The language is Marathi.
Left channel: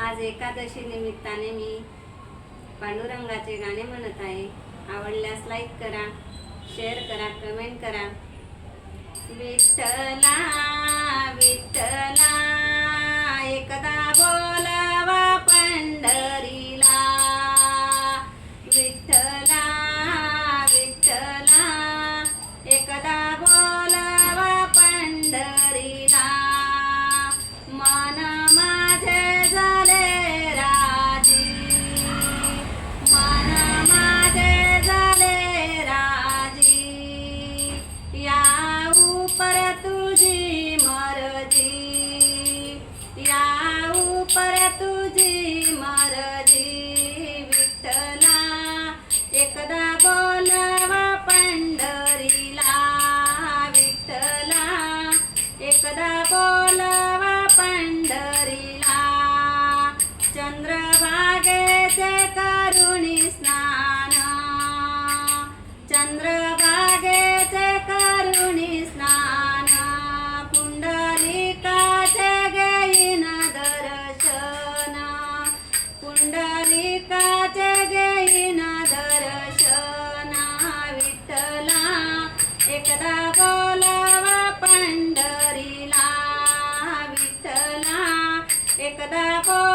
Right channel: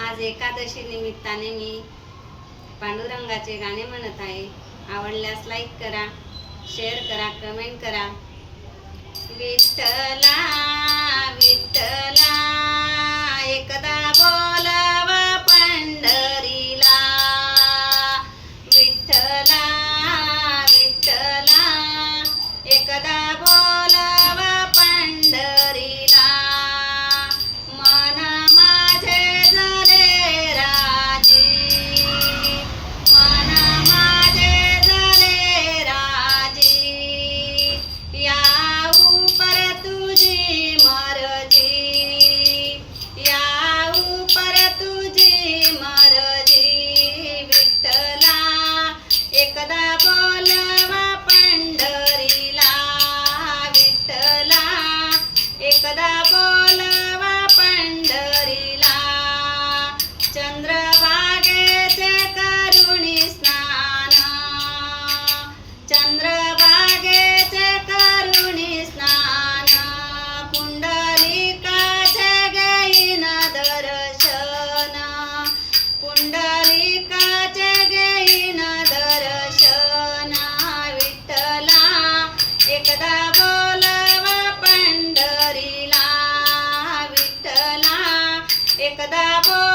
आज एकादशी निमित्ताने मी पांडुरंगाचे गाणे म्हणत आहे. आवडल्यास लाईक करा, शेअर करा, कमेंट करा. विठ्ठला विठ्ठला एकदा बोलावा पंढरीला. विठ्ठला विठ्ठला एकदा बोलावा पंढरीला. मना माझे झाले राजी, मना माझे झाले राजी. याऊ पर तुझी मर्जी, याऊ पर तुझी मर्जी. विठ्ठला एकदा बोलावा पंढरीला. विठ्ठला एकदा बोलावा पंढरीला. चंद्रभागेचे करुणी स्नान, चंद्रभागेचे करुणी स्नान. पुंडलिकाचे घेईन दर्शन, पुंडलिकाचे घेईन दर्शन. विठ्ठला एकदा बोलवा पंढरीला. विठ्ठला एकदा बोल